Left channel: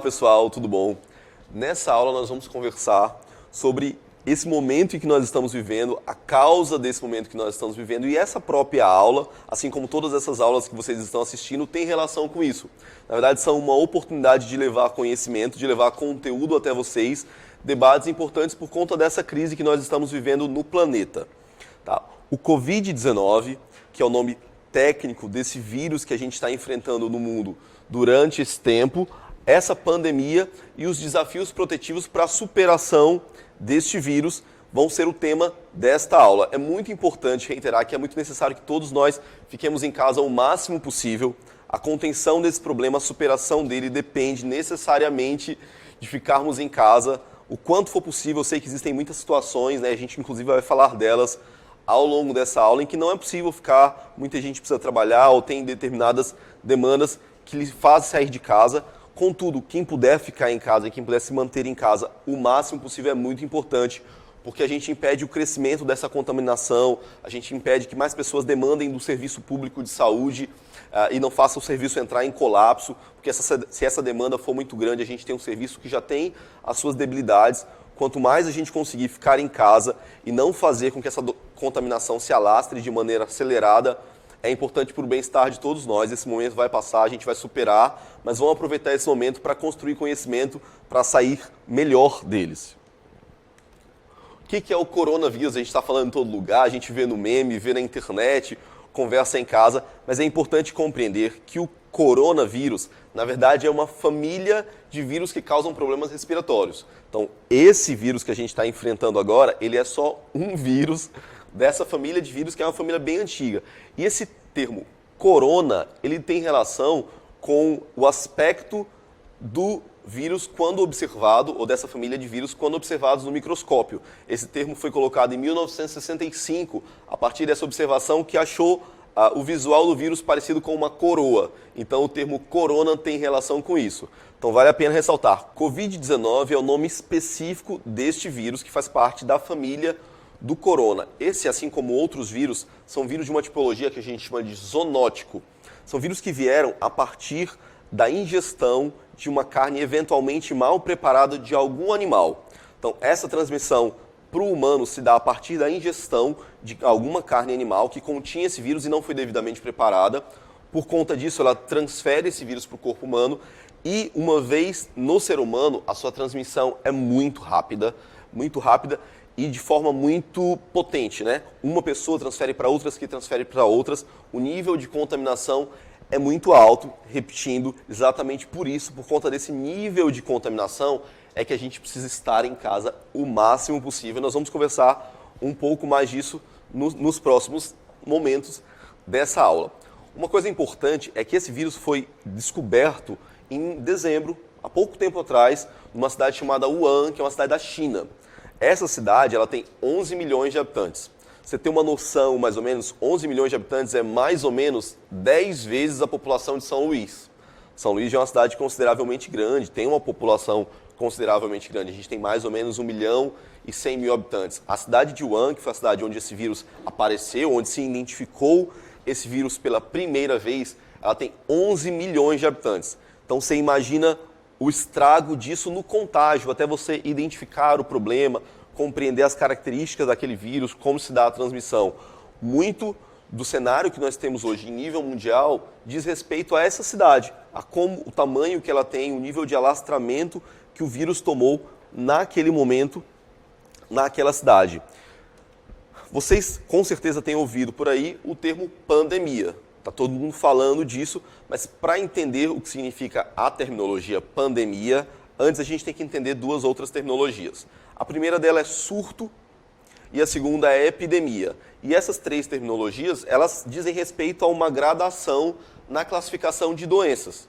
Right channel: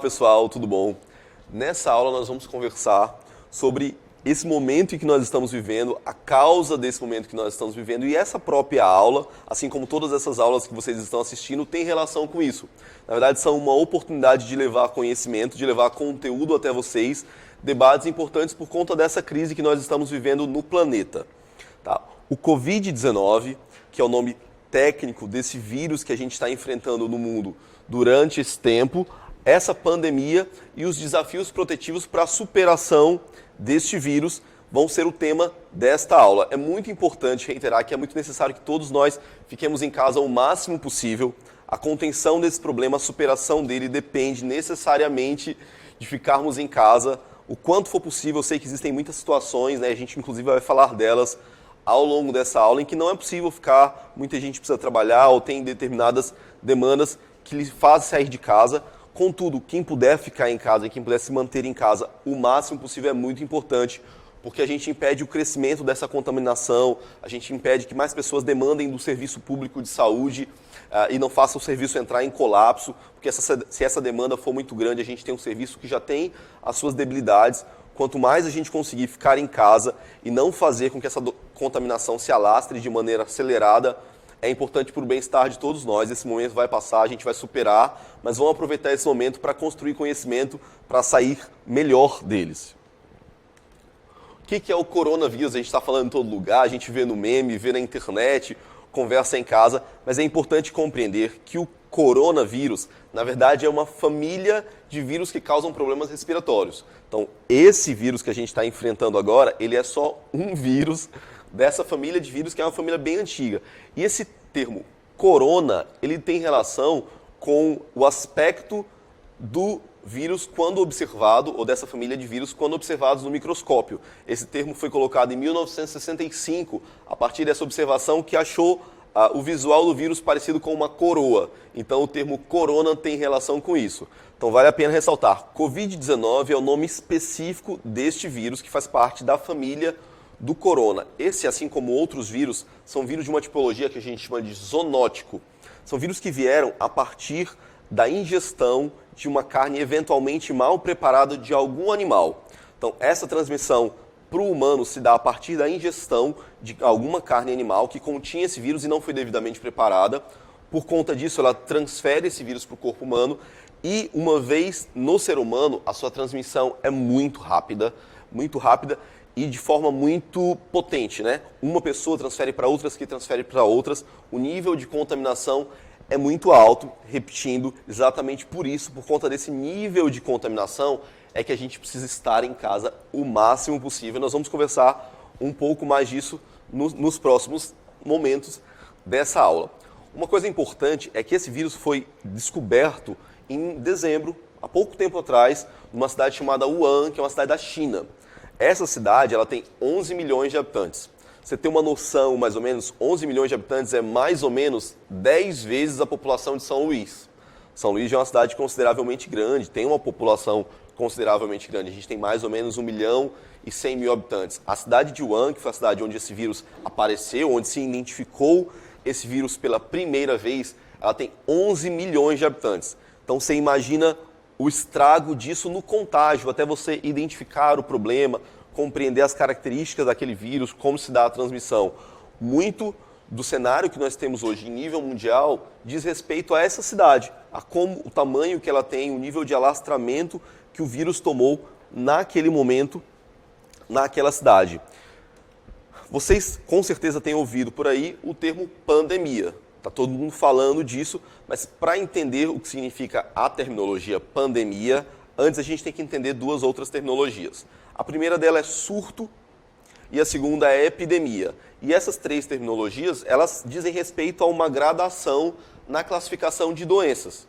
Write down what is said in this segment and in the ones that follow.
Olá pessoal, tudo bom? Nessa aula nós vamos conversar sobre esse momento em que nós estamos vivendo, a causa desse momento que nós estamos vivendo, e essa própria aula, assim como todas essas aulas que vocês estão assistindo, tem relação com isso. Na verdade, são uma oportunidade de levar conhecimento, de levar conteúdo até vocês, debates importantes por conta dessa crise que nós estamos vivendo no planeta. Tá? O Covid-19, que é o nome técnico desse vírus que a gente está enfrentando no mundo durante esse tempo, essa pandemia e os desafios protetivos para a superação deste vírus vão ser o tema desta aula. É muito importante reiterar que é muito necessário que todos nós fiquemos em casa o máximo possível. A contenção desse problema, a superação dele depende necessariamente de ficarmos em casa o quanto for possível. Eu sei que existem muitas situações, né? A gente inclusive vai falar delas ao longo dessa aula, em que não é possível ficar, muita gente precisa trabalhar ou tem determinadas demandas que lhe fazem sair de casa. Contudo, quem puder ficar em casa e quem puder se manter em casa o máximo possível é muito importante, porque a gente impede o crescimento dessa contaminação, a gente impede que mais pessoas demandem do serviço público de saúde e não façam o serviço entrar em colapso, porque se essa demanda for muito grande, a gente tem um serviço que já tem as suas debilidades. Quanto mais a gente conseguir ficar em casa e não fazer com que essa contaminação se alastre de maneira acelerada, é importante para o bem-estar de todos nós. Esse momento vai passar, a gente vai superar, mas vamos aproveitar esse momento para construir conhecimento, para sair melhor deles. O que é o coronavírus? A gente está falando em todo lugar, a gente vê no meme, vê na internet, conversa em casa, mas é importante compreender que o coronavírus, na verdade, é uma família de vírus que causam problemas respiratórios. Então, esse vírus que a gente está enfrentando agora, ele é só um vírus dessa família de vírus, que é uma família bem antiga. E esse termo corona, ele tem relação com o aspecto do vírus quando observado, ou dessa família de vírus quando observados no microscópio. Esse termo foi colocado em 1965, a partir dessa observação que achou o visual do vírus parecido com uma coroa. Então o termo corona tem relação com isso. Então vale a pena ressaltar, Covid-19 é o nome específico deste vírus que faz parte da família do corona. Esse, assim como outros vírus, são vírus de uma tipologia que a gente chama de zoonótico. São vírus que vieram a partir da ingestão de uma carne eventualmente mal preparada de algum animal. Então, essa transmissão para o humano se dá a partir da ingestão de alguma carne animal que continha esse vírus e não foi devidamente preparada. Por conta disso, ela transfere esse vírus para o corpo humano e, uma vez no ser humano, a sua transmissão é muito rápida e de forma muito potente, né? Uma pessoa transfere para outras, que transfere para outras. O nível de contaminação é muito alto, repetindo, exatamente por isso, por conta desse nível de contaminação, é que a gente precisa estar em casa o máximo possível. Nós vamos conversar um pouco mais disso nos próximos momentos dessa aula. Uma coisa importante é que esse vírus foi descoberto em dezembro, há pouco tempo atrás, numa cidade chamada Wuhan, que é uma cidade da China. Essa cidade ela tem 11 milhões de habitantes. Você tem uma noção, mais ou menos, 11 milhões de habitantes é mais ou menos 10 vezes a população de São Luís. São Luís já é uma cidade consideravelmente grande, tem uma população consideravelmente grande. A gente tem mais ou menos 1 milhão e 100 mil habitantes. A cidade de Wuhan, que foi a cidade onde esse vírus apareceu, onde se identificou esse vírus pela primeira vez, ela tem 11 milhões de habitantes. Então você imagina o estrago disso no contágio, até você identificar o problema, compreender as características daquele vírus, como se dá a transmissão. Muito do cenário que nós temos hoje em nível mundial diz respeito a essa cidade, a como o tamanho que ela tem, o nível de alastramento que o vírus tomou naquele momento, naquela cidade. Vocês com certeza têm ouvido por aí o termo pandemia. Está todo mundo falando disso, mas para entender o que significa a terminologia pandemia, antes a gente tem que entender duas outras terminologias. A primeira dela é surto e a segunda é epidemia. E essas três terminologias, elas dizem respeito a uma gradação na classificação de doenças,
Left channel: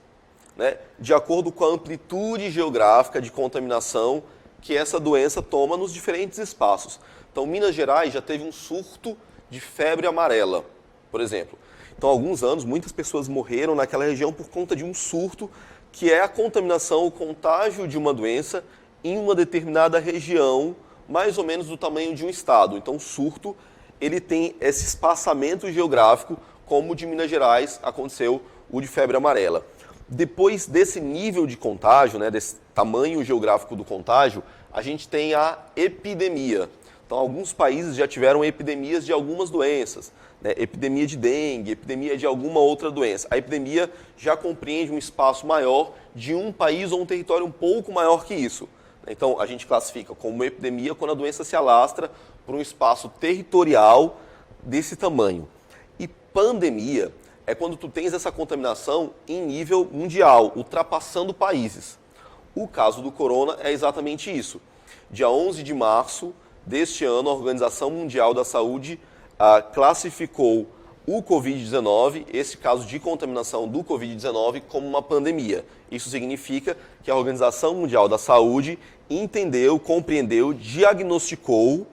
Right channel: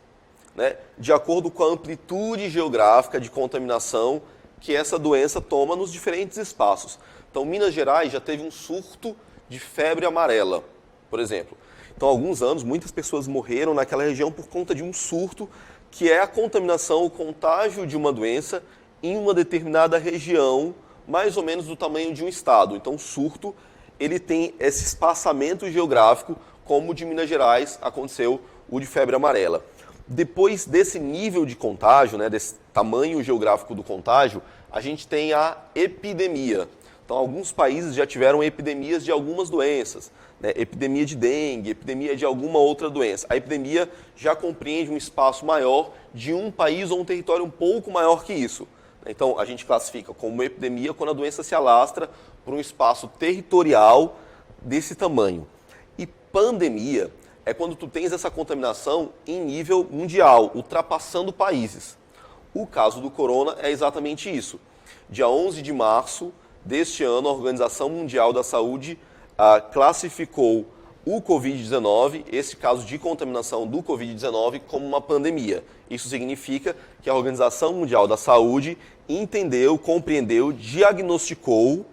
né? De acordo com a amplitude geográfica de contaminação que essa doença toma nos diferentes espaços. Então, Minas Gerais já teve um surto de febre amarela, por exemplo. Então, há alguns anos, muitas pessoas morreram naquela região por conta de um surto, que é a contaminação, o contágio de uma doença em uma determinada região, mais ou menos do tamanho de um estado. Então, o surto, ele tem esse espaçamento geográfico, como o de Minas Gerais aconteceu o de febre amarela. Depois desse nível de contágio, né, desse tamanho geográfico do contágio, a gente tem a epidemia. Então, alguns países já tiveram epidemias de algumas doenças, né? Epidemia de dengue, epidemia de alguma outra doença. A epidemia já compreende um espaço maior de um país ou um território um pouco maior que isso. Então, a gente classifica como epidemia quando a doença se alastra por um espaço territorial desse tamanho. E pandemia é quando tu tens essa contaminação em nível mundial, ultrapassando países. O caso do corona é exatamente isso. Dia 11 de março deste ano, a Organização Mundial da Saúde classificou o Covid-19, esse caso de contaminação do Covid-19, como uma pandemia. Isso significa que a Organização Mundial da Saúde entendeu, compreendeu, diagnosticou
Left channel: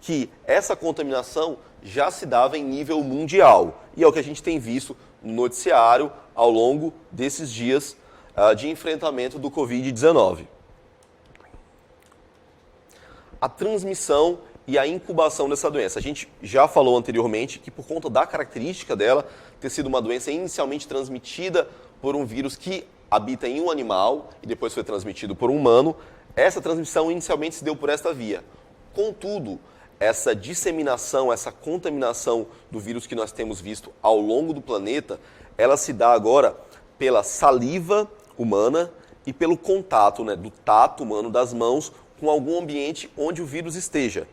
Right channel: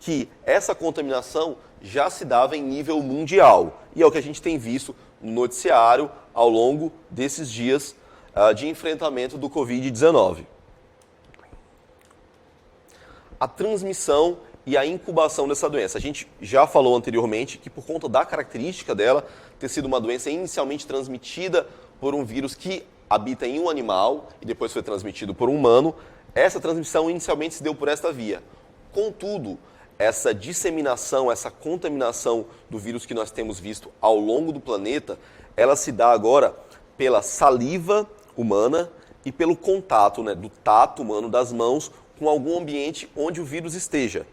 que essa contaminação já se dava em nível mundial. E é o que a gente tem visto no noticiário ao longo desses dias de enfrentamento do Covid-19. A transmissão e a incubação dessa doença. A gente já falou anteriormente que por conta da característica dela ter sido uma doença inicialmente transmitida por um vírus que habita em um animal e depois foi transmitido por um humano, essa transmissão inicialmente se deu por esta via. Contudo, essa disseminação, essa contaminação do vírus que nós temos visto ao longo do planeta, ela se dá agora pela saliva humana e pelo contato, né, do tato humano das mãos com algum ambiente onde o vírus esteja.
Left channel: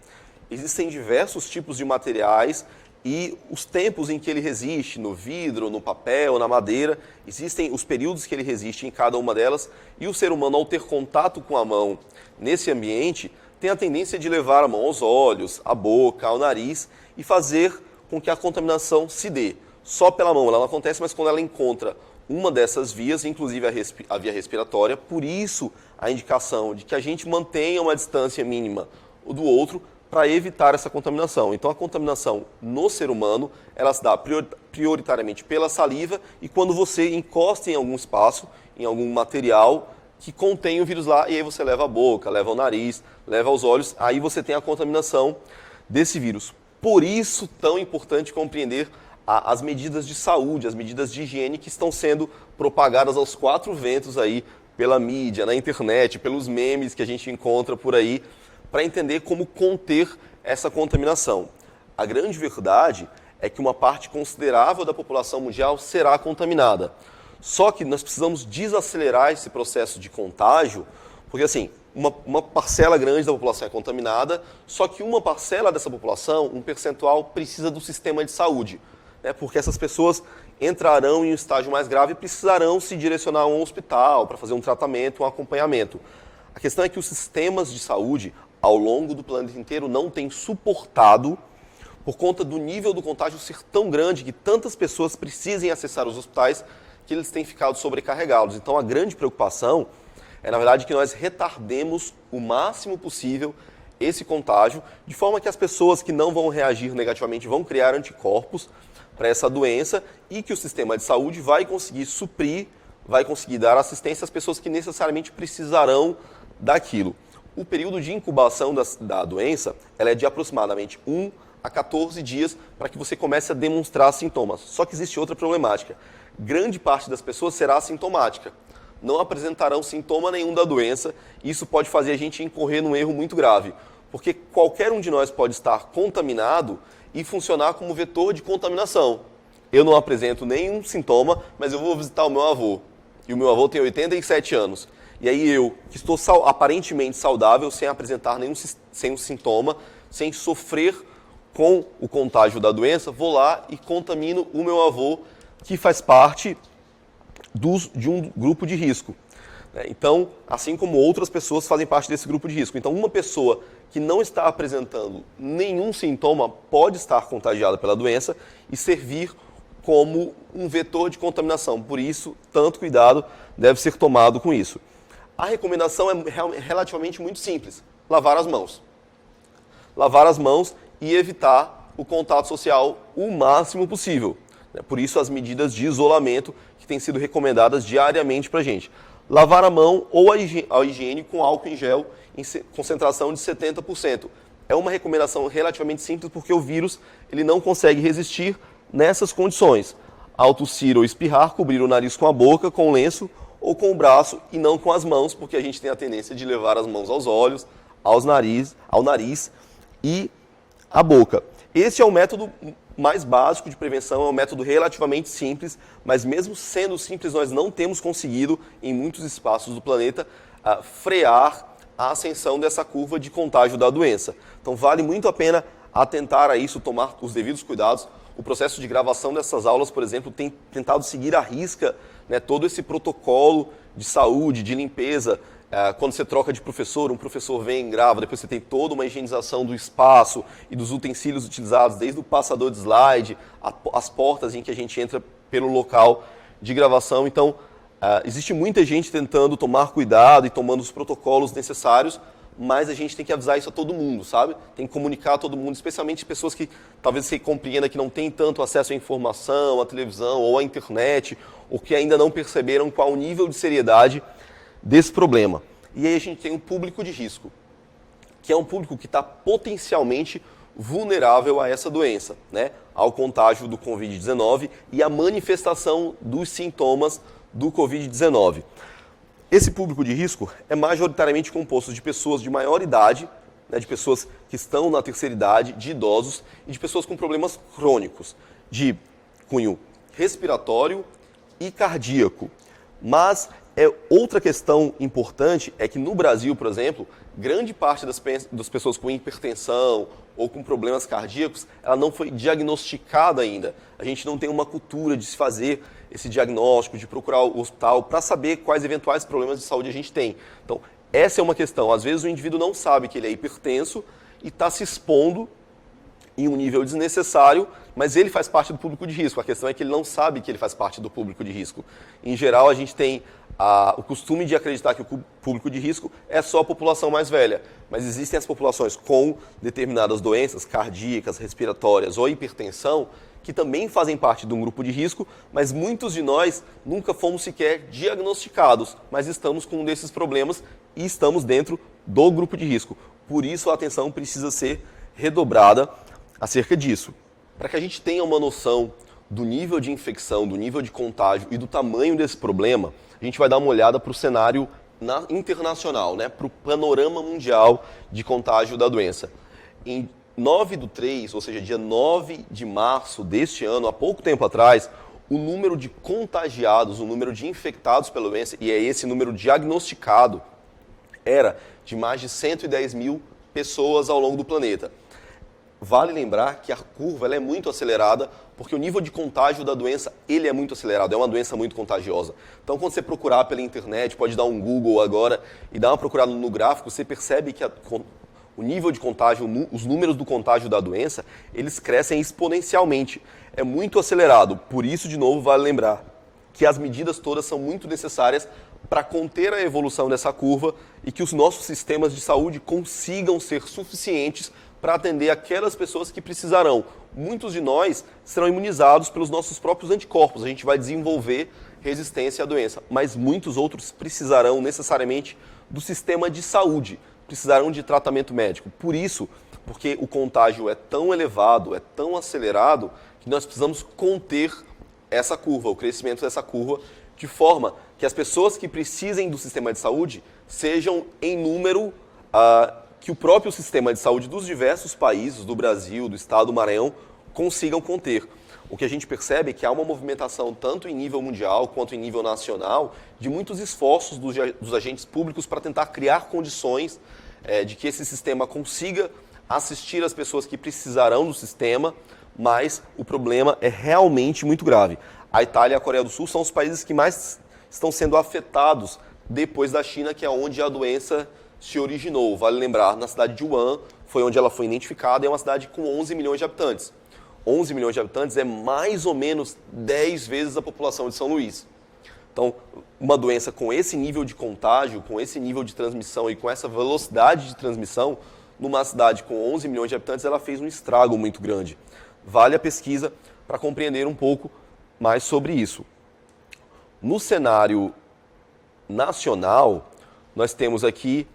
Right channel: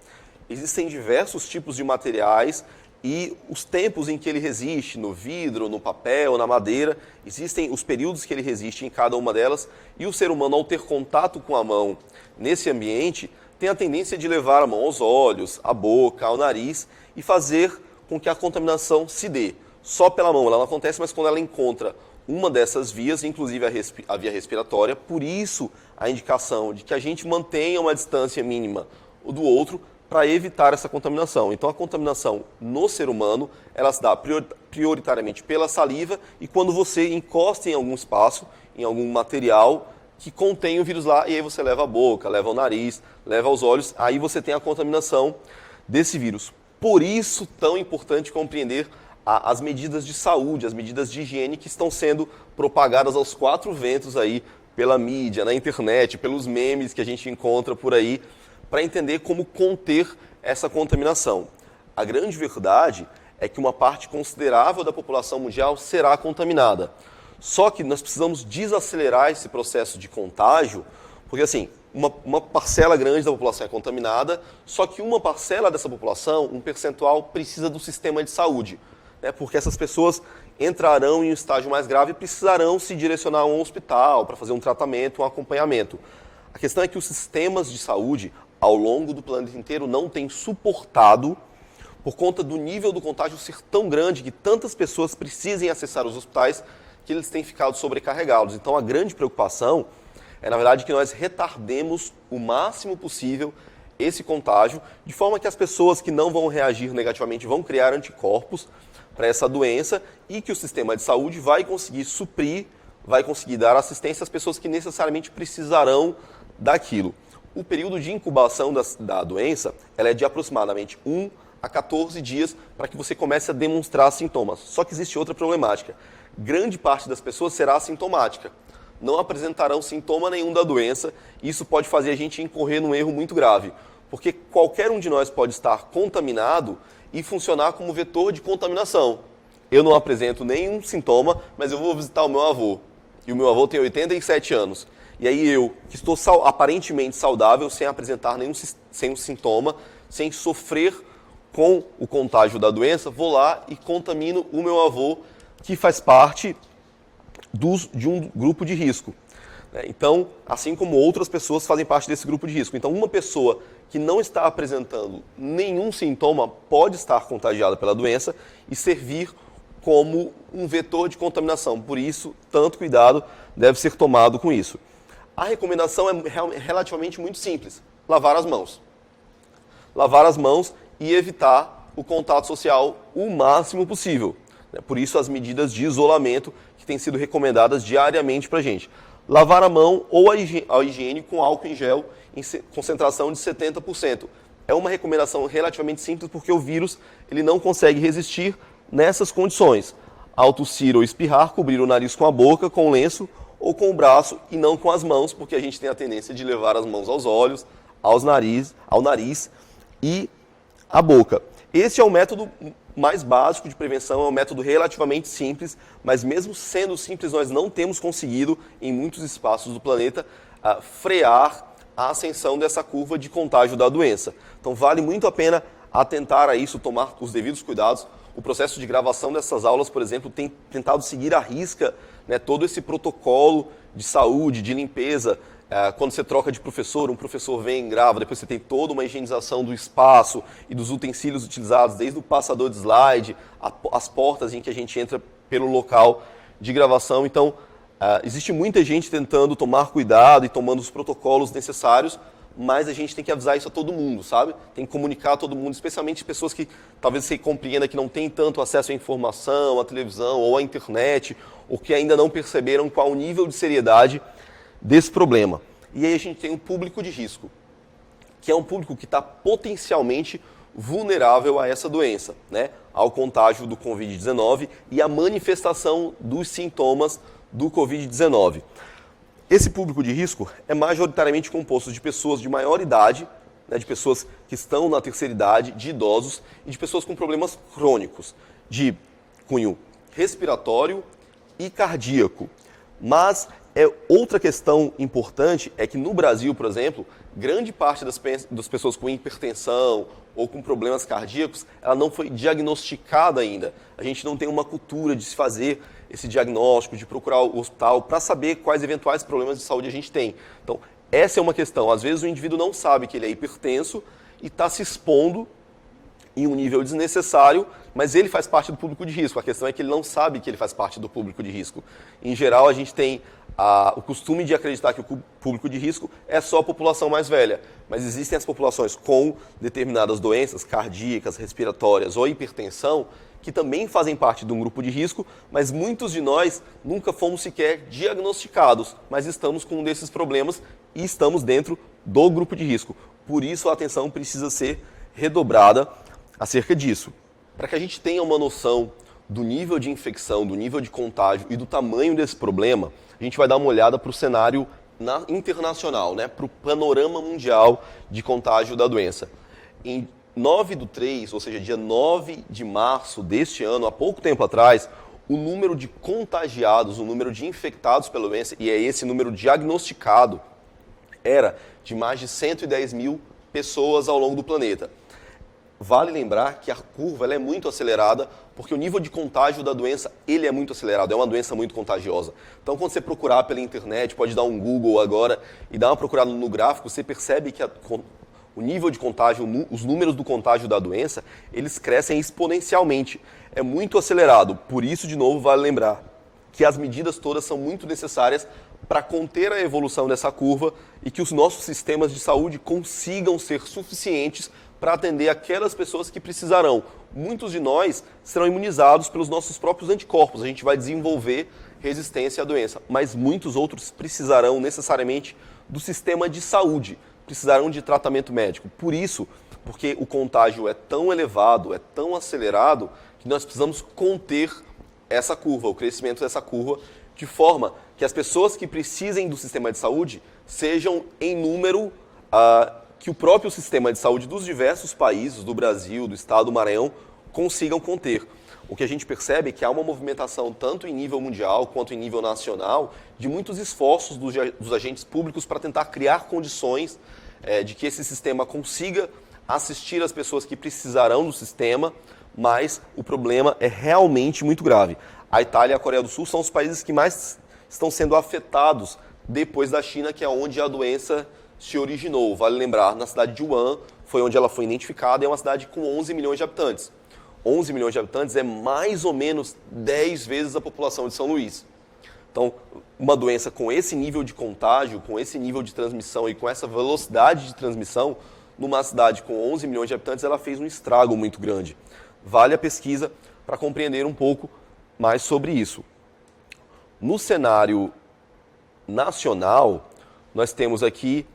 Existem diversos tipos de materiais e os tempos em que ele resiste, no vidro, no papel, na madeira, existem os períodos que ele resiste em cada uma delas, e o ser humano, ao ter contato com a mão nesse ambiente, tem a tendência de levar a mão aos olhos, à boca, ao nariz e fazer com que a contaminação se dê. Só pela mão ela não acontece, mas quando ela encontra uma dessas vias, inclusive a via respiratória, por isso a indicação de que a gente mantenha uma distância mínima do outro para evitar essa contaminação. Então a contaminação no ser humano, ela se dá prioritariamente pela saliva e quando você encosta em algum espaço, em algum material que contém o vírus lá, e aí você leva a boca, leva ao nariz, leva aos olhos, aí você tem a contaminação desse vírus. Por isso, tão importante compreender as medidas de saúde, as medidas de higiene que estão sendo propagadas aos quatro ventos aí pela mídia, na internet, pelos memes que a gente encontra por aí, para entender como conter essa contaminação. A grande verdade é que uma parte considerável da população mundial será contaminada. Só que nós precisamos desacelerar esse processo de contágio, porque assim, uma parcela grande da população é contaminada, só que uma parcela dessa população, um percentual, precisa do sistema de saúde, né? Porque essas pessoas entrarão em um estágio mais grave e precisarão se direcionar a um hospital para fazer um tratamento, um acompanhamento. A questão é que os sistemas de saúde, ao longo do planeta inteiro, não têm suportado, por conta do nível do contágio ser tão grande, que tantas pessoas precisem acessar os hospitais, que eles têm ficado sobrecarregados. Então a grande preocupação é, na verdade, que nós retardemos o máximo possível esse contágio, de forma que as pessoas que não vão reagir negativamente vão criar anticorpos para essa doença e que o sistema de saúde vai conseguir suprir, vai conseguir dar assistência às pessoas que necessariamente precisarão daquilo. O período de incubação da doença ela é de aproximadamente 1 a 14 dias para que você comece a demonstrar sintomas. Só que existe outra problemática. Grande parte das pessoas será assintomática. Não apresentarão sintoma nenhum da doença e isso pode fazer a gente incorrer num erro muito grave. Porque qualquer um de nós pode estar contaminado e funcionar como vetor de contaminação. Eu não apresento nenhum sintoma, mas eu vou visitar o meu avô. E o meu avô tem 87 anos. E aí eu, que estou aparentemente saudável, sem apresentar nenhum sintoma, sem sofrer com o contágio da doença, vou lá e contamino o meu avô, que faz parte de um grupo de risco. Então, assim como outras pessoas fazem parte desse grupo de risco. Então, uma pessoa que não está apresentando nenhum sintoma pode estar contagiada pela doença e servir como um vetor de contaminação. Por isso, tanto cuidado deve ser tomado com isso. A recomendação é relativamente muito simples: lavar as mãos. Lavar as mãos e evitar o contato social o máximo possível. Por isso, as medidas de isolamento que têm sido recomendadas diariamente para a gente. Lavar a mão ou a higiene com álcool em gel em concentração de 70%. É uma recomendação relativamente simples porque o vírus ele não consegue resistir nessas condições. ao tossir ou espirrar, cobrir o nariz com a boca, com o lenço ou com o braço e não com as mãos, porque a gente tem a tendência de levar as mãos aos olhos, ao nariz e à boca. Esse é o método mais básico de prevenção, é um método relativamente simples, mas mesmo sendo simples, nós não temos conseguido, em muitos espaços do planeta, frear a ascensão dessa curva de contágio da doença. Então vale muito a pena atentar a isso, tomar os devidos cuidados. O processo de gravação dessas aulas, por exemplo, tem tentado seguir à risca, né, todo esse protocolo de saúde, de limpeza. Quando você troca de professor, um professor vem e grava, depois você tem toda uma higienização do espaço e dos utensílios utilizados, desde o passador de slide, as portas em que a gente entra pelo local de gravação. Então, existe muita gente tentando tomar cuidado e tomando os protocolos necessários, mas a gente tem que avisar isso a todo mundo, sabe? Tem que comunicar a todo mundo, especialmente pessoas que talvez você compreenda que não têm tanto acesso à informação, à televisão ou à internet, ou que ainda não perceberam qual o nível de seriedade desse problema. E aí a gente tem um público de risco, que é um público que está potencialmente vulnerável a essa doença, né? Ao contágio do Covid-19 e à manifestação dos sintomas do Covid-19. Esse público de risco é majoritariamente composto de pessoas de maior idade, né, de pessoas que estão na terceira idade, de idosos e de pessoas com problemas crônicos, de cunho respiratório e cardíaco. Mas outra questão importante é que no Brasil, por exemplo, grande parte das pessoas com hipertensão ou com problemas cardíacos, ela não foi diagnosticada ainda. A gente não tem uma cultura de se fazer esse diagnóstico, de procurar o hospital para saber quais eventuais problemas de saúde a gente tem. Então, essa é uma questão. Às vezes o indivíduo não sabe que ele é hipertenso e está se expondo em um nível desnecessário, mas ele faz parte do público de risco. A questão é que ele não sabe que ele faz parte do público de risco. Em geral, a gente tem o costume de acreditar que o público de risco é só a população mais velha, mas existem as populações com determinadas doenças cardíacas, respiratórias ou hipertensão, que também fazem parte de um grupo de risco, mas muitos de nós nunca fomos sequer diagnosticados, mas estamos com um desses problemas e estamos dentro do grupo de risco. Por isso a atenção precisa ser redobrada acerca disso. Para que a gente tenha uma noção do nível de infecção, do nível de contágio e do tamanho desse problema, a gente vai dar uma olhada para o cenário internacional, né, para o panorama mundial de contágio da doença. Em 9/3, ou seja, dia 9 de março deste ano, há pouco tempo atrás, o número de contagiados, o número de infectados pela doença, e é esse número diagnosticado, era de mais de 110 mil pessoas ao longo do planeta. Vale lembrar que a curva ela é muito acelerada, porque o nível de contágio da doença ele é muito acelerado, é uma doença muito contagiosa. Então, quando você procurar pela internet, pode dar um Google agora e dar uma procurada no gráfico, você percebe que o nível de contágio, os números do contágio da doença, eles crescem exponencialmente. É muito acelerado. Por isso, de novo, vale lembrar que as medidas todas são muito necessárias para conter a evolução dessa curva e que os nossos sistemas de saúde consigam ser suficientes para atender aquelas pessoas que precisarão. Muitos de nós serão imunizados pelos nossos próprios anticorpos. A gente vai desenvolver resistência à doença. Mas muitos outros precisarão necessariamente do sistema de saúde, precisarão de tratamento médico. Por isso, porque o contágio é tão elevado, é tão acelerado, que nós precisamos conter essa curva, o crescimento dessa curva, de forma que as pessoas que precisem do sistema de saúde sejam em número que o próprio sistema de saúde dos diversos países, do Brasil, do estado do Maranhão, consigam conter. O que a gente percebe é que há uma movimentação, tanto em nível mundial quanto em nível nacional, de muitos esforços dos agentes públicos para tentar criar condições de que esse sistema consiga assistir as pessoas que precisarão do sistema, mas o problema é realmente muito grave. A Itália e a Coreia do Sul são os países que mais estão sendo afetados depois da China, que é onde a doença se originou. Vale lembrar, na cidade de Wuhan foi onde ela foi identificada e é uma cidade com 11 milhões de habitantes. 11 milhões de habitantes é mais ou menos 10 vezes a população de São Luís. Então, uma doença com esse nível de contágio, com esse nível de transmissão e com essa velocidade de transmissão, numa cidade com 11 milhões de habitantes, ela fez um estrago muito grande. Vale a pesquisa para compreender um pouco mais sobre isso. No cenário nacional, nós temos aqui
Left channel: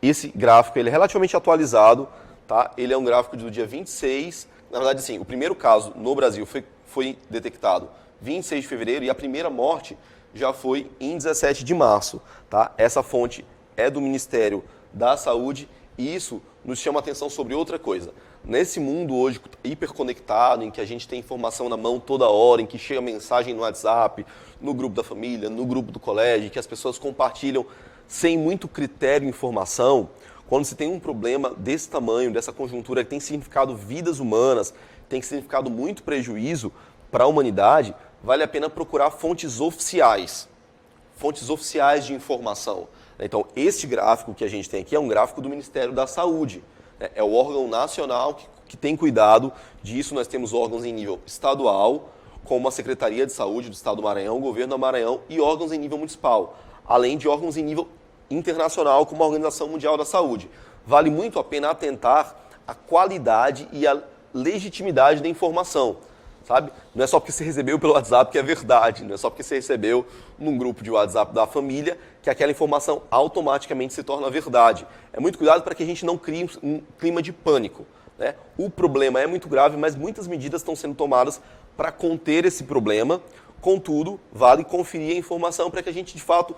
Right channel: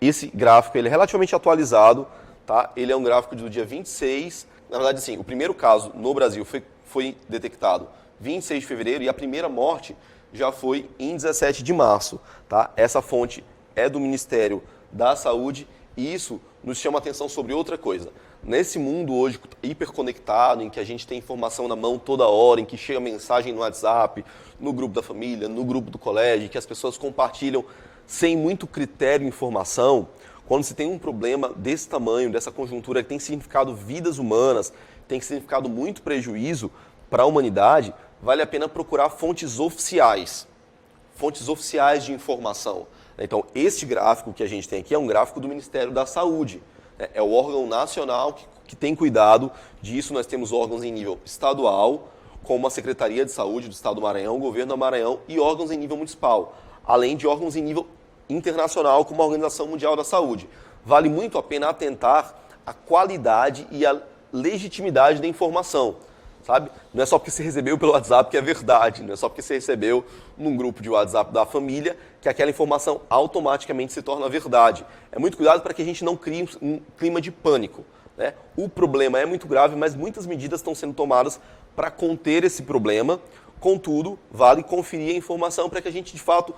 esse gráfico, ele é relativamente atualizado, tá? Ele é um gráfico do dia 26. Na verdade, sim, o primeiro caso no Brasil foi detectado 26 de fevereiro, e a primeira morte já foi em 17 de março. Tá? Essa fonte é do Ministério da Saúde, e isso nos chama a atenção sobre outra coisa. Nesse mundo hoje hiperconectado, em que a gente tem informação na mão toda hora, em que chega mensagem no WhatsApp, no grupo da família, no grupo do colégio, que as pessoas compartilham sem muito critério e informação, quando se tem um problema desse tamanho, dessa conjuntura que tem significado vidas humanas, tem significado muito prejuízo para a humanidade, vale a pena procurar fontes oficiais de informação. Então, este gráfico que a gente tem aqui é um gráfico do Ministério da Saúde. É o órgão nacional que tem cuidado disso. Nós temos órgãos em nível estadual, como a Secretaria de Saúde do Estado do Maranhão, o Governo do Maranhão, e órgãos em nível municipal, além de órgãos em nível internacional, como a Organização Mundial da Saúde. Vale muito a pena atentar à qualidade e à legitimidade da informação. Sabe? Não é só porque você recebeu pelo WhatsApp que é verdade, não é só porque você recebeu num grupo de WhatsApp da família que aquela informação automaticamente se torna verdade. É muito cuidado para que a gente não crie um clima de pânico. Né? O problema é muito grave, mas muitas medidas estão sendo tomadas para conter esse problema. Contudo, vale conferir a informação para que a gente, de fato,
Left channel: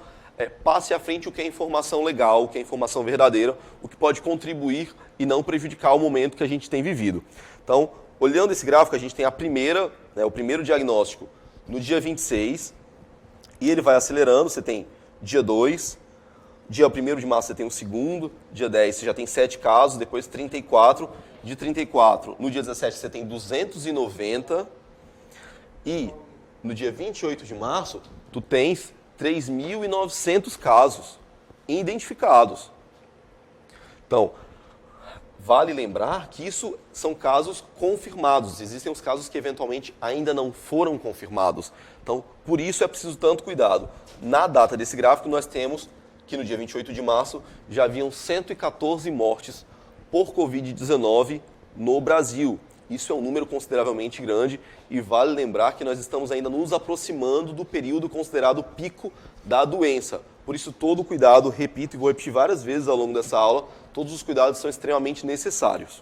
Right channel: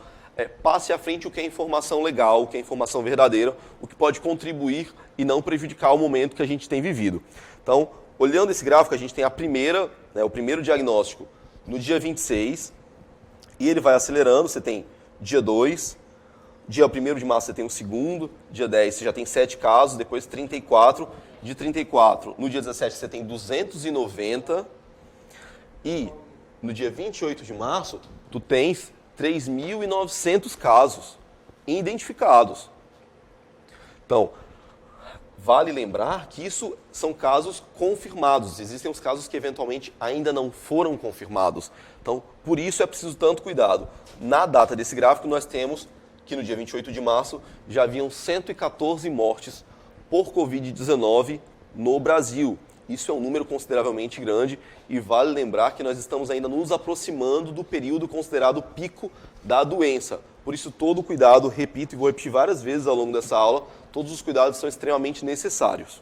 passe à frente o que é informação legal, o que é informação verdadeira, o que pode contribuir e não prejudicar o momento que a gente tem vivido. Então, olhando esse gráfico, a gente tem o primeiro diagnóstico no dia 26, e ele vai acelerando. Você tem dia 2, dia 1º de março você tem o segundo, dia 10 você já tem 7 casos, depois 34, de 34 no dia 17 você tem 290, e no dia 28 de março tu tens 3.900 casos identificados. Então, vale lembrar que isso são casos confirmados. Existem os casos que eventualmente ainda não foram confirmados. Então, por isso é preciso tanto cuidado. Na data desse gráfico, nós temos que no dia 28 de março já haviam 114 mortes por Covid-19 no Brasil. Isso é um número consideravelmente grande e vale lembrar que nós estamos ainda nos aproximando do período considerado pico da doença. Por isso, todo cuidado, repito e vou repetir várias vezes ao longo dessa aula, todos os cuidados são extremamente necessários.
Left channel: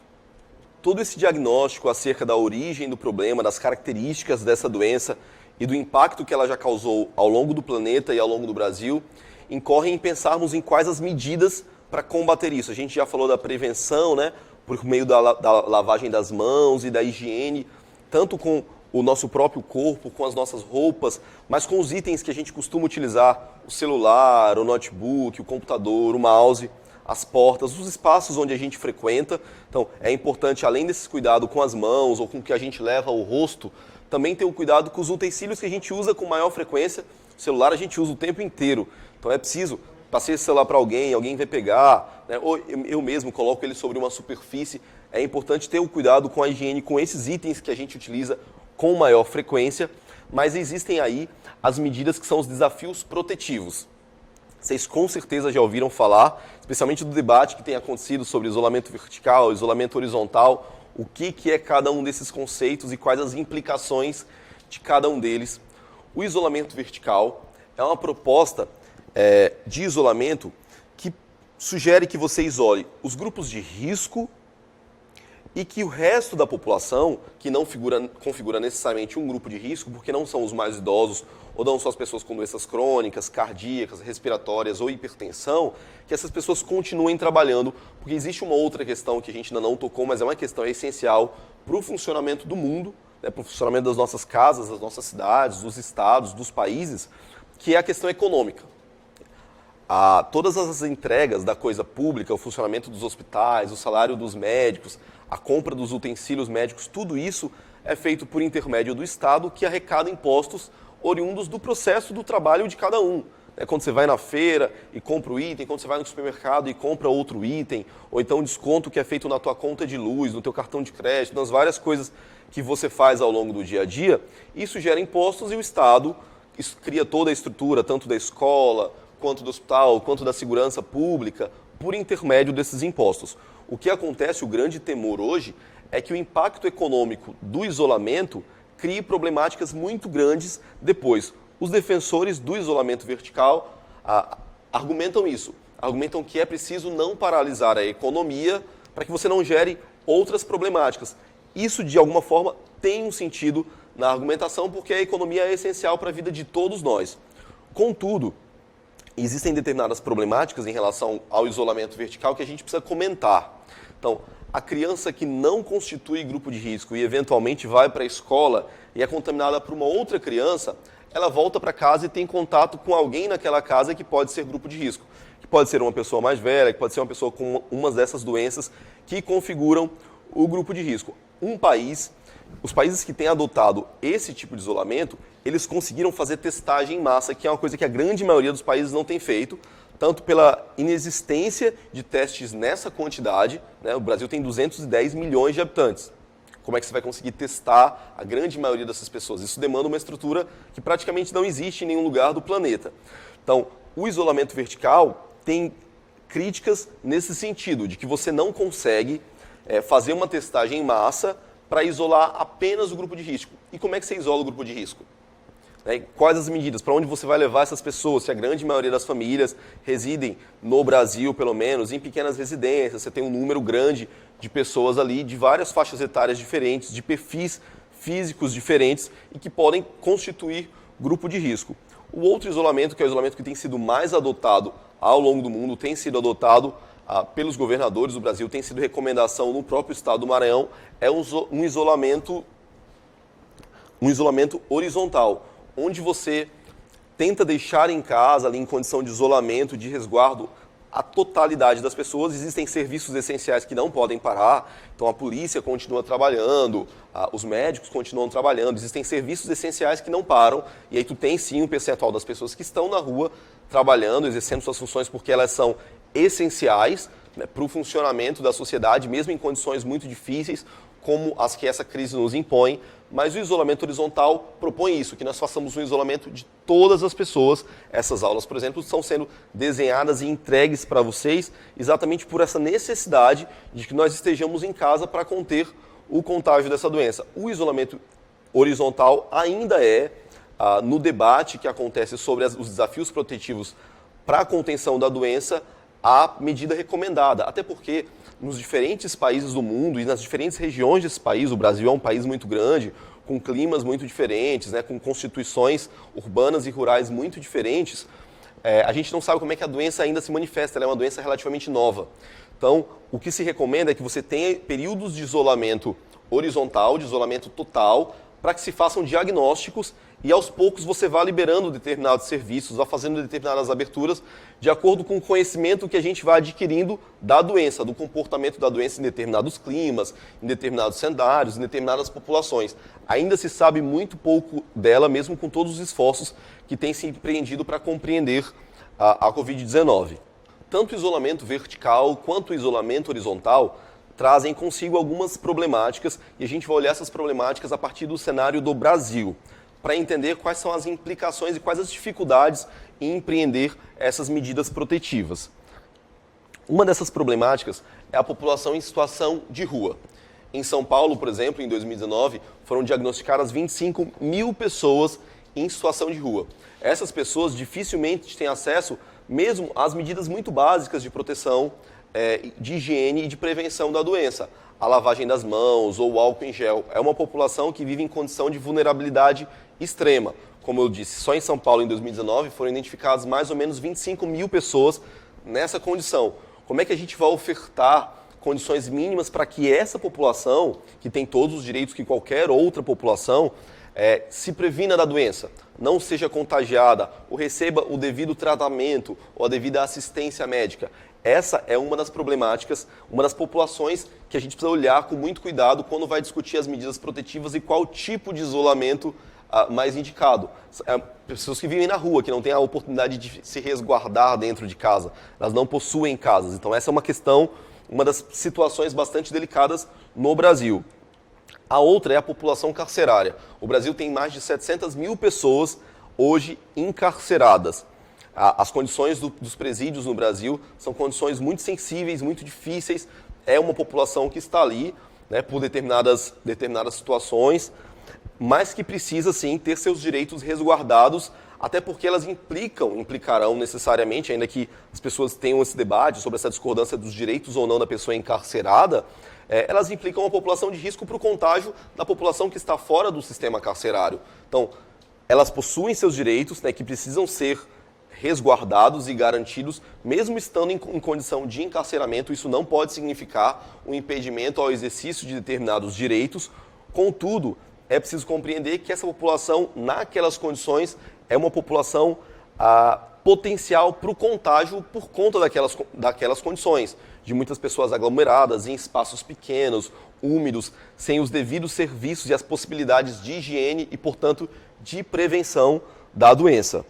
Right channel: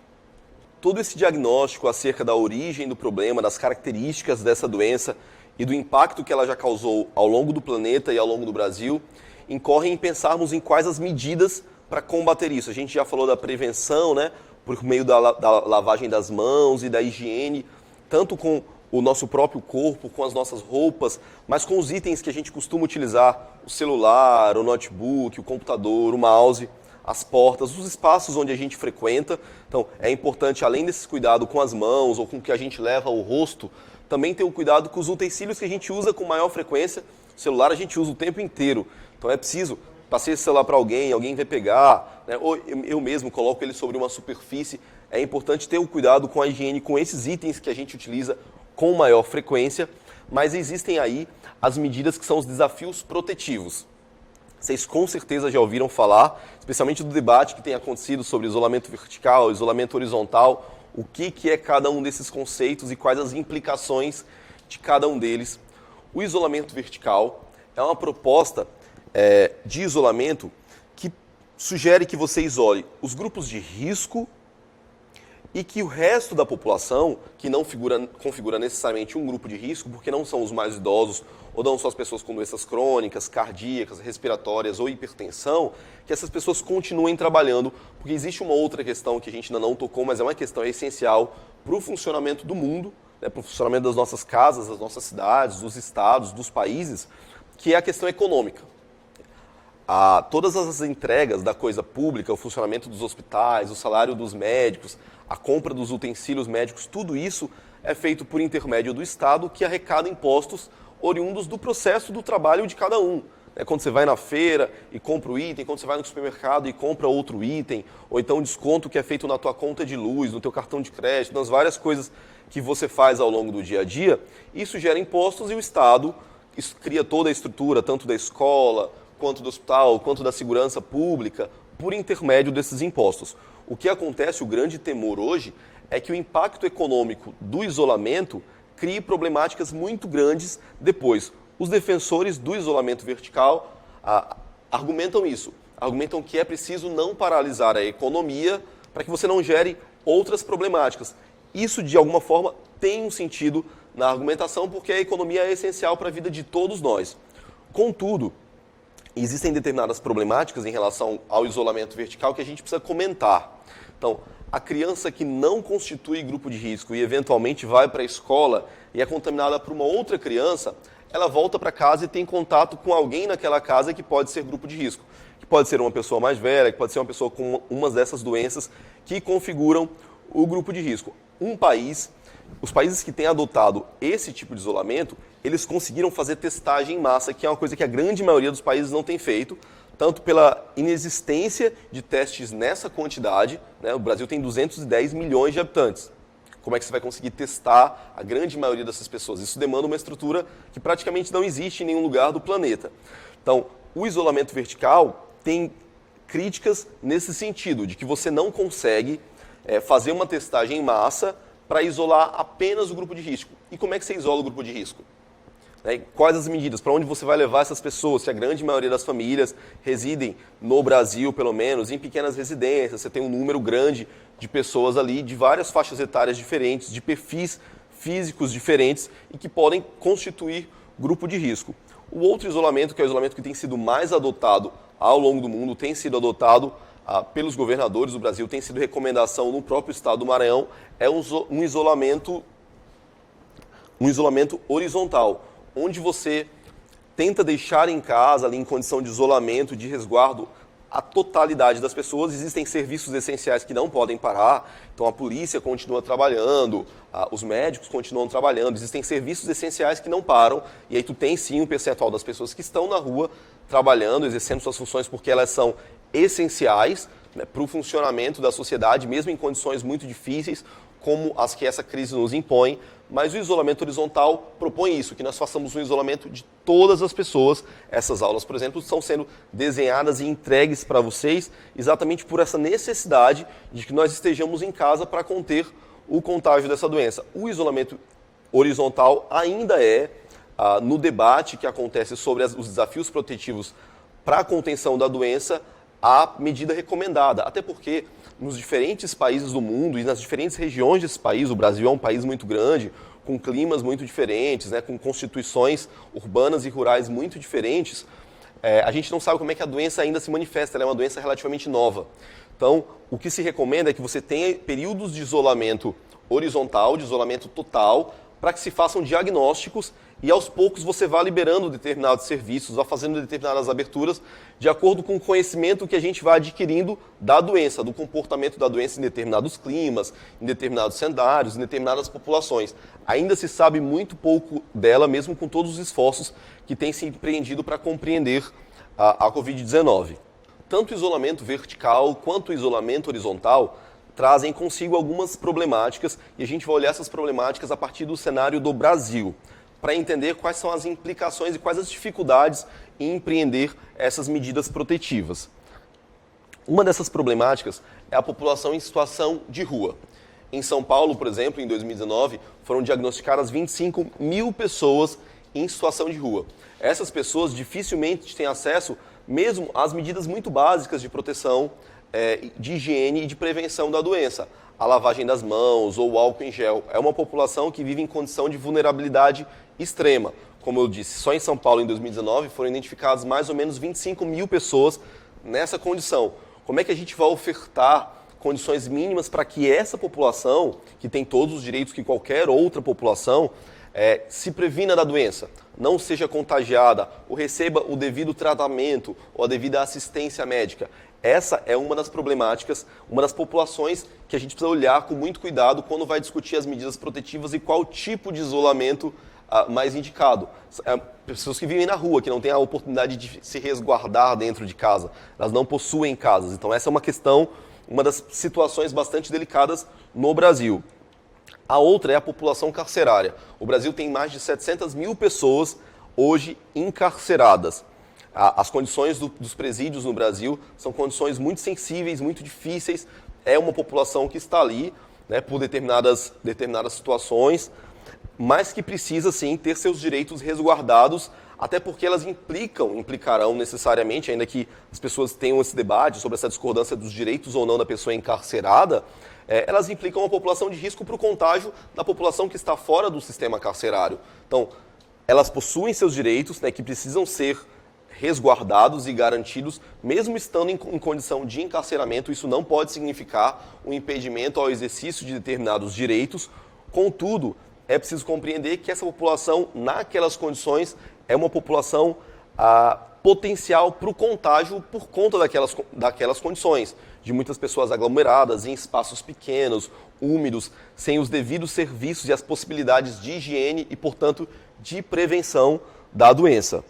Todo esse diagnóstico acerca da origem do problema, das características dessa doença e do impacto que ela já causou ao longo do planeta e ao longo do Brasil, incorre em pensarmos em quais as medidas para combater isso. A gente já falou da prevenção, né, por meio da lavagem das mãos e da higiene, tanto com o nosso próprio corpo, com as nossas roupas, mas com os itens que a gente costuma utilizar, o celular, o notebook, o computador, o mouse, as portas, os espaços onde a gente frequenta. Então, é importante, além desse cuidado com as mãos ou com o que a gente leva ao rosto, também ter um cuidado com os utensílios que a gente usa com maior frequência. O celular a gente usa o tempo inteiro, então é preciso, passei esse celular para alguém vai pegar, né? Ou eu mesmo coloco ele sobre uma superfície. É importante ter o cuidado com a higiene, com esses itens que a gente utiliza com maior frequência, mas existem aí as medidas que são os desafios protetivos. Vocês com certeza já ouviram falar, especialmente do debate que tem acontecido sobre isolamento vertical, isolamento horizontal, o que é cada um desses conceitos e quais as implicações de cada um deles. O isolamento vertical é uma proposta de isolamento que sugere que você isole os grupos de risco e que o resto da população, que não configura necessariamente um grupo de risco, porque não são os mais idosos, ou não são as pessoas com doenças crônicas, cardíacas, respiratórias ou hipertensão, que essas pessoas continuem trabalhando, porque existe uma outra questão que a gente ainda não tocou, mas é uma questão essencial para o funcionamento do mundo, né, para o funcionamento das nossas casas, das nossas cidades, dos estados, dos países, que é a questão econômica. Todas as entregas da coisa pública, o funcionamento dos hospitais, o salário dos médicos, a compra dos utensílios médicos, tudo isso é feito por intermédio do Estado, que arrecada impostos oriundos do processo do trabalho de cada um. Quando você vai na feira e compra o item, quando você vai no supermercado e compra outro item, ou então desconto que é feito na tua conta de luz, no teu cartão de crédito, nas várias coisas que você faz ao longo do dia a dia, isso gera impostos e o Estado cria toda a estrutura, tanto da escola, quanto do hospital, quanto da segurança pública, por intermédio desses impostos. O que acontece, o grande temor hoje, é que o impacto econômico do isolamento crie problemáticas muito grandes depois. Os defensores do isolamento vertical argumentam isso, argumentam que é preciso não paralisar a economia para que você não gere outras problemáticas. Isso, de alguma forma, tem um sentido na argumentação, porque a economia é essencial para a vida de todos nós. Contudo, existem determinadas problemáticas em relação ao isolamento vertical que a gente precisa comentar. Então, a criança que não constitui grupo de risco e eventualmente vai para a escola e é contaminada por uma outra criança, ela volta para casa e tem contato com alguém naquela casa que pode ser grupo de risco. Que pode ser uma pessoa mais velha, que pode ser uma pessoa com uma dessas doenças que configuram o grupo de risco. Os países que têm adotado esse tipo de isolamento, eles conseguiram fazer testagem em massa, que é uma coisa que a grande maioria dos países não tem feito, tanto pela inexistência de testes nessa quantidade, né? O Brasil tem 210 milhões de habitantes. Como é que você vai conseguir testar a grande maioria dessas pessoas? Isso demanda uma estrutura que praticamente não existe em nenhum lugar do planeta. Então, o isolamento vertical tem críticas nesse sentido, de que você não consegue fazer uma testagem em massa para isolar apenas o grupo de risco. E como é que você isola o grupo de risco? Quais as medidas? Para onde você vai levar essas pessoas? Se a grande maioria das famílias residem no Brasil, pelo menos, em pequenas residências, você tem um número grande de pessoas ali, de várias faixas etárias diferentes, de perfis físicos diferentes e que podem constituir grupo de risco. O outro isolamento, que é o isolamento que tem sido mais adotado ao longo do mundo, tem sido adotado pelos governadores do Brasil, tem sido recomendação no próprio estado do Maranhão, é um isolamento horizontal, onde você tenta deixar em casa, ali em condição de isolamento, de resguardo, a totalidade das pessoas. Existem serviços essenciais que não podem parar, então a polícia continua trabalhando, os médicos continuam trabalhando, existem serviços essenciais que não param, e aí tu tem sim um percentual das pessoas que estão na rua trabalhando, exercendo suas funções porque elas são essenciais, né, para o funcionamento da sociedade, mesmo em condições muito difíceis, como as que essa crise nos impõe. Mas o isolamento horizontal propõe isso, que nós façamos um isolamento de todas as pessoas. Essas aulas, por exemplo, estão sendo desenhadas e entregues para vocês exatamente por essa necessidade de que nós estejamos em casa para conter o contágio dessa doença. O isolamento horizontal ainda é, no debate que acontece sobre os desafios protetivos para a contenção da doença, a medida recomendada. Até porque nos diferentes países do mundo e nas diferentes regiões desse país, o Brasil é um país muito grande, com climas muito diferentes, né, com constituições urbanas e rurais muito diferentes, a gente não sabe como é que a doença ainda se manifesta, ela é uma doença relativamente nova. Então, o que se recomenda é que você tenha períodos de isolamento horizontal, de isolamento total, para que se façam diagnósticos e aos poucos você vá liberando determinados serviços, vá fazendo determinadas aberturas de acordo com o conhecimento que a gente vai adquirindo da doença, do comportamento da doença em determinados climas, em determinados cenários, em determinadas populações. Ainda se sabe muito pouco dela, mesmo com todos os esforços que têm se empreendido para compreender a Covid-19. Tanto o isolamento vertical quanto o isolamento horizontal trazem consigo algumas problemáticas e a gente vai olhar essas problemáticas a partir do cenário do Brasil, para entender quais são as implicações e quais as dificuldades em empreender essas medidas protetivas. Uma dessas problemáticas é a população em situação de rua. Em São Paulo, por exemplo, em 2019, foram diagnosticadas 25 mil pessoas em situação de rua. Essas pessoas dificilmente têm acesso mesmo às medidas muito básicas de proteção, de higiene e de prevenção da doença. A lavagem das mãos ou o álcool em gel. É uma população que vive em condição de vulnerabilidade extrema. Como eu disse, só em São Paulo, em 2019, foram identificadas mais ou menos 25 mil pessoas nessa condição. Como é que a gente vai ofertar condições mínimas para que essa população, que tem todos os direitos que qualquer outra população, se previna da doença, não seja contagiada, ou receba o devido tratamento ou a devida assistência médica? Essa é uma das problemáticas, uma das populações que a gente precisa olhar com muito cuidado quando vai discutir as medidas protetivas e qual tipo de isolamento mais indicado. Pessoas que vivem na rua, que não têm a oportunidade de se resguardar dentro de casa, elas não possuem casas. Então essa é uma questão, uma das situações bastante delicadas no Brasil. A outra é a população carcerária. O Brasil tem mais de 700 mil pessoas hoje encarceradas. As condições dos presídios no Brasil são condições muito sensíveis, muito difíceis. É uma população que está ali, né, por determinadas situações, mas que precisa sim ter seus direitos resguardados, até porque elas implicarão necessariamente, ainda que as pessoas tenham esse debate sobre essa discordância dos direitos ou não da pessoa encarcerada, elas implicam uma população de risco para o contágio da população que está fora do sistema carcerário. Então, elas possuem seus direitos, né, que precisam ser resguardados e garantidos, mesmo estando em condição de encarceramento. Isso não pode significar um impedimento ao exercício de determinados direitos. Contudo, é preciso compreender que essa população, naquelas condições, é uma população potencial para o contágio por conta daquelas condições, de muitas pessoas aglomeradas em espaços pequenos, úmidos, sem os devidos serviços e as possibilidades de higiene e, portanto, de prevenção da doença.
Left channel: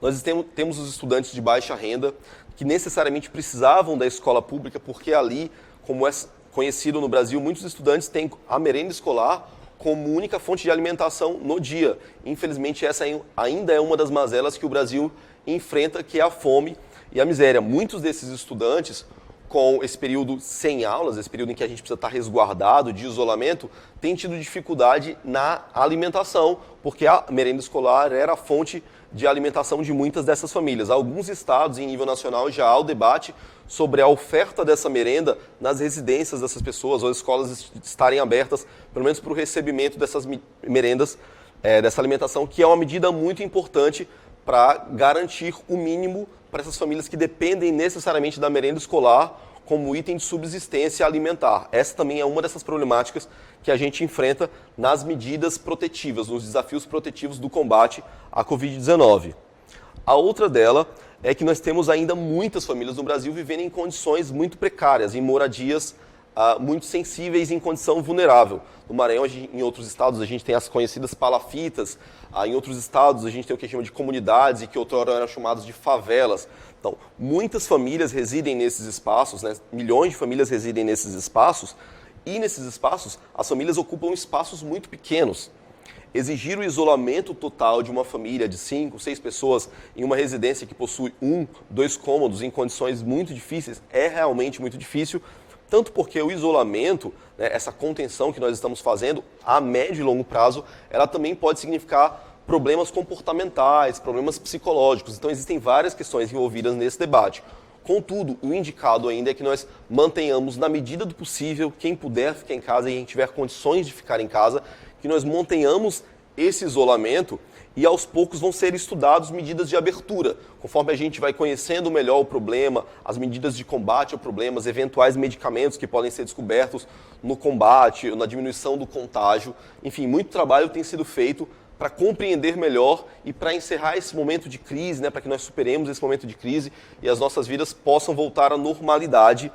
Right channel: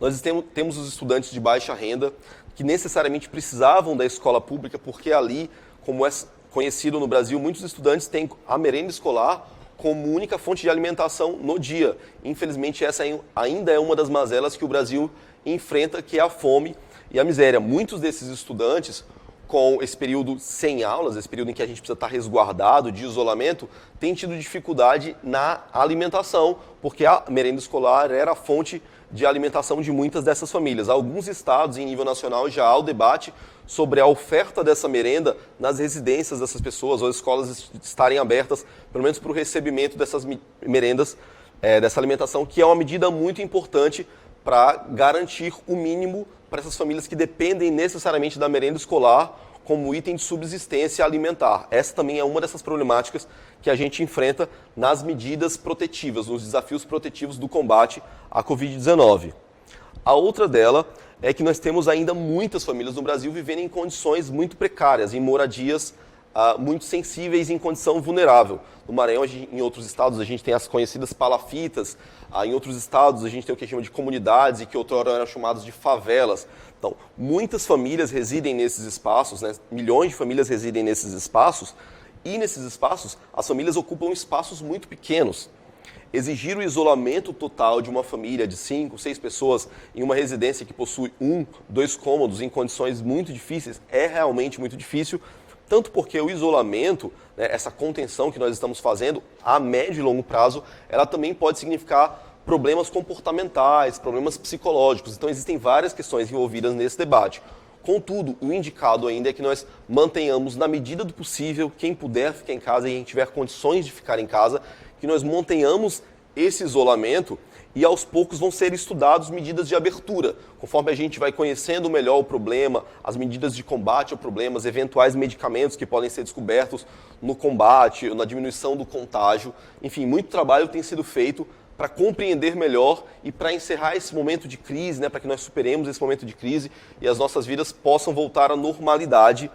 Nós temos os estudantes de baixa renda que necessariamente precisavam da escola pública, porque ali, como é conhecido no Brasil, muitos estudantes têm a merenda escolar como única fonte de alimentação no dia. Infelizmente, essa ainda é uma das mazelas que o Brasil enfrenta, que é a fome e a miséria. Muitos desses estudantes, com esse período sem aulas, esse período em que a gente precisa estar resguardado, de isolamento, têm tido dificuldade na alimentação, porque a merenda escolar era a fonte de alimentação de muitas dessas famílias. Alguns estados, em nível nacional, já há o debate sobre a oferta dessa merenda nas residências dessas pessoas, ou as escolas estarem abertas, pelo menos para o recebimento dessas merendas, dessa alimentação, que é uma medida muito importante para garantir o mínimo para essas famílias que dependem necessariamente da merenda escolar como item de subsistência alimentar. Essa também é uma dessas problemáticas que a gente enfrenta nas medidas protetivas, nos desafios protetivos do combate à Covid-19. A outra dela é que nós temos ainda muitas famílias no Brasil vivendo em condições muito precárias, em moradias muito sensíveis, em condição vulnerável. No Maranhão, em outros estados, a gente tem as conhecidas palafitas. Em outros estados, a gente tem o que a gente chama de comunidades e que outrora eram chamados de favelas. Então, muitas famílias residem nesses espaços, né? Milhões de famílias residem nesses espaços, e nesses espaços, as famílias ocupam espaços muito pequenos. Exigir o isolamento total de uma família de 5, 6 pessoas em uma residência que possui 1, 2 cômodos em condições muito difíceis é realmente muito difícil, tanto porque o isolamento, né, essa contenção que nós estamos fazendo a médio e longo prazo, ela também pode significar problemas comportamentais, problemas psicológicos. Então existem várias questões envolvidas nesse debate. Contudo, o indicado ainda é que nós mantenhamos, na medida do possível, quem puder ficar em casa e quem tiver condições de ficar em casa, que nós mantenhamos esse isolamento e aos poucos vão ser estudadas medidas de abertura, conforme a gente vai conhecendo melhor o problema, as medidas de combate ao problema, os eventuais medicamentos que podem ser descobertos no combate, na diminuição do contágio. Enfim, muito trabalho tem sido feito para compreender melhor e para encerrar esse momento de crise, né, para que nós superemos esse momento de crise e as nossas vidas possam voltar à normalidade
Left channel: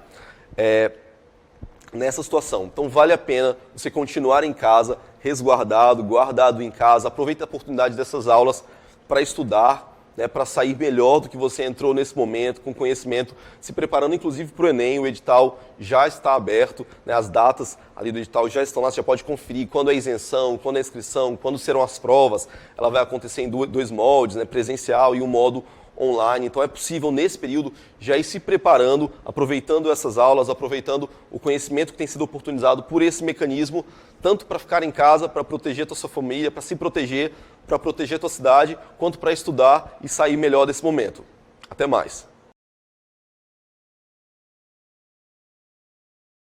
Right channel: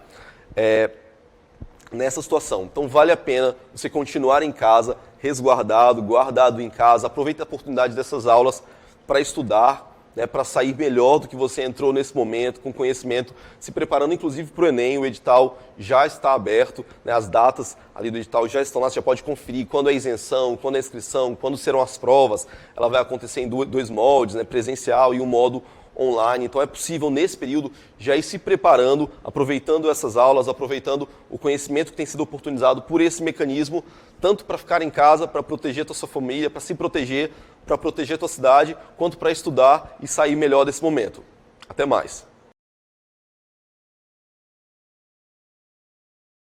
nessa situação. Então vale a pena você continuar em casa, resguardado, guardado em casa. Aproveite a oportunidade dessas aulas para estudar, né, para sair melhor do que você entrou nesse momento, com conhecimento, se preparando inclusive para o Enem. O edital já está aberto, né, as datas ali do edital já estão lá, você já pode conferir quando é a isenção, quando é a inscrição, quando serão as provas. Ela vai acontecer em dois moldes, né, presencial e um modo online. Então é possível nesse período já ir se preparando, aproveitando essas aulas, aproveitando o conhecimento que tem sido oportunizado por esse mecanismo, tanto para ficar em casa, para proteger a sua família, para se proteger, para proteger a tua cidade, quanto para estudar e sair melhor desse momento. Até mais.